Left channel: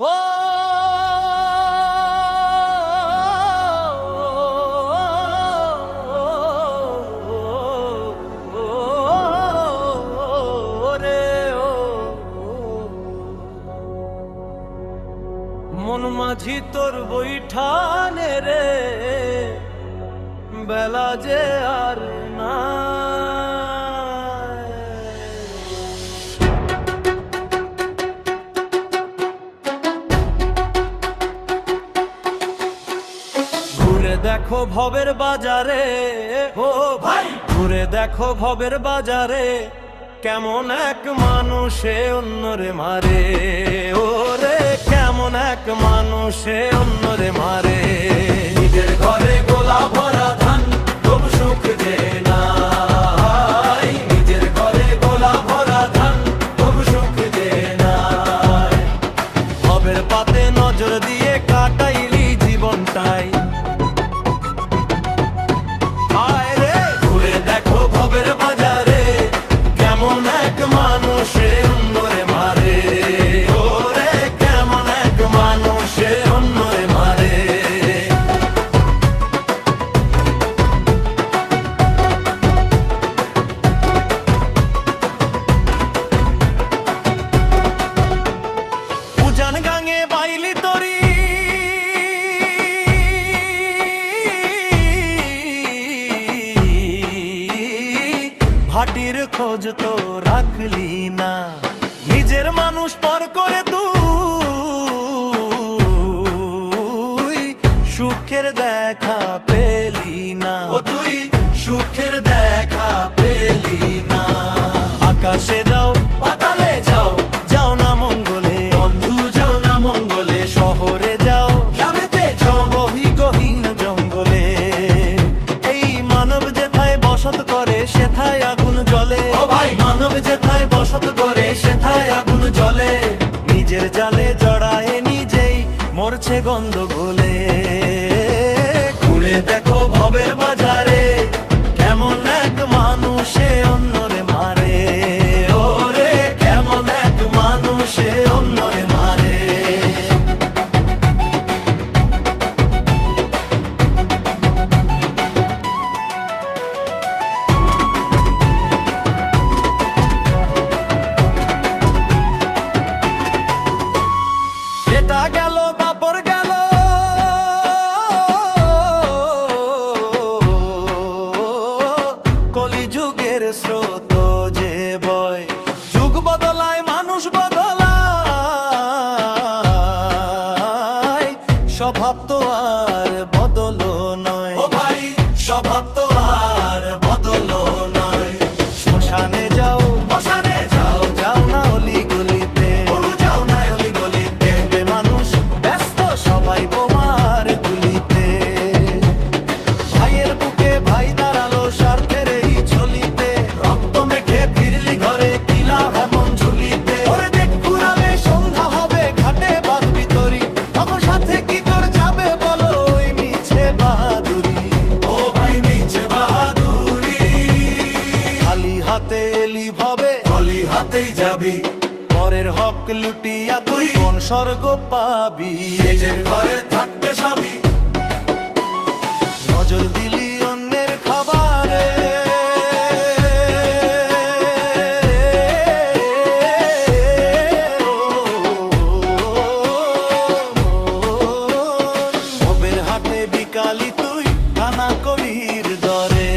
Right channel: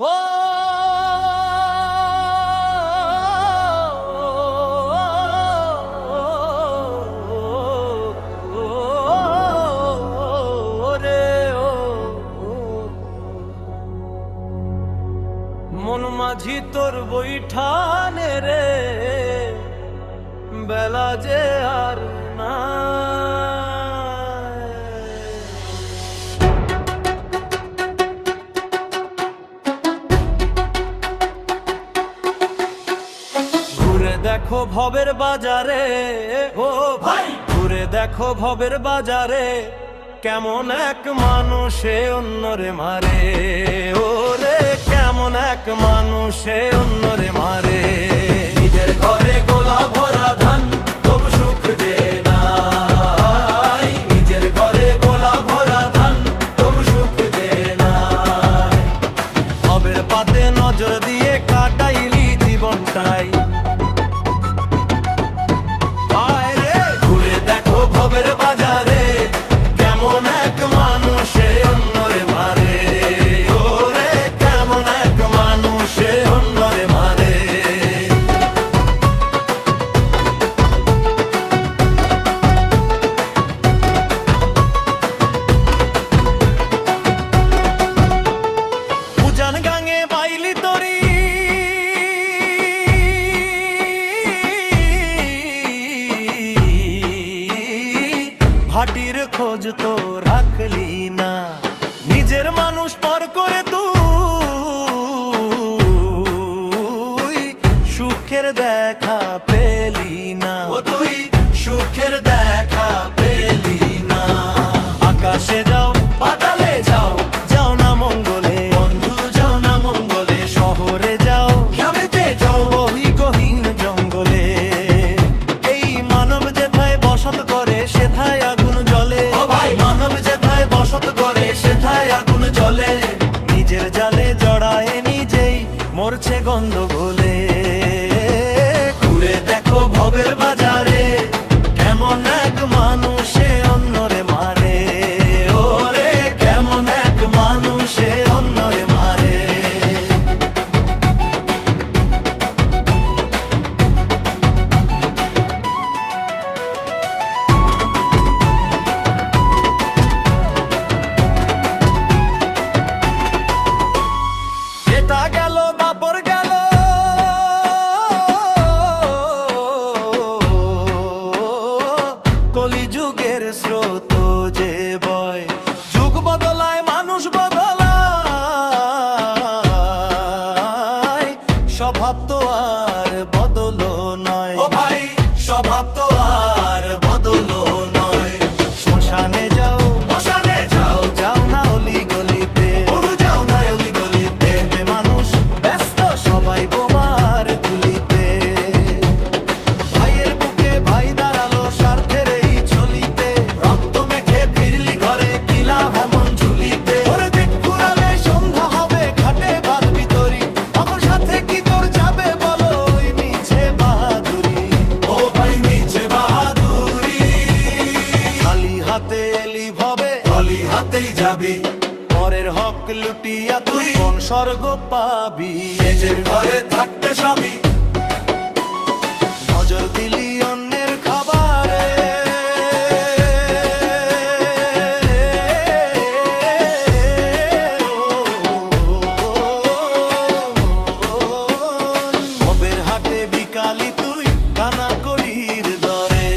ও মন মাঝি তোর বৈঠানে রে বেলা যে আর না দেখো ভবের বাজারে, ও ভাই। ঘুরে দেখো ভবের বাজারে, কেমন এক মানুষে অন্যরে মারে। ও রে কেমন এক মানুষে অন্যরে মারে। নিজের ঘরে গোলা ভরা ধান, তবু সুখ যে নাই। নিজের ঘরে গোলা ভরা ধান, তবু সুখ যে নাই। ভবের পাতে নজর দিয়ে কাটাইলি জীবনটাই। বাইলি তরি। ভাটির খোঁজ তো রাখলি না নিজের মানুষ পর করে তুই। সুখের দেখা পেলি না। ও তুই সুখের দেখা পেলি না। আকাশে যাও পাতালে সেথায় আগুন জলে নিজের জালে জড়ায় নিজেই মরছে গন্ধ গোলে ঘুরে দেখো ভবের বাজারে, কেমন এক মানুষে অন্যরে এটা গেল, বাপর গেল। কলিযুগের স্রোত যে বয়, যুগ বদলায়, মানুষ বদলায়। স্বভাব তো আর বদল নয়। ভাই হাতে এলি ভবে অলি হাতেই যাবি। পরের হক লুটিয়া তুই কোন স্বর্গ পাবি? নিজের ঘরে থাকতে সবই নজর দিলি অন্যের খাবারে। ভবের হাটে বিকালি তুই কানা করির দরে।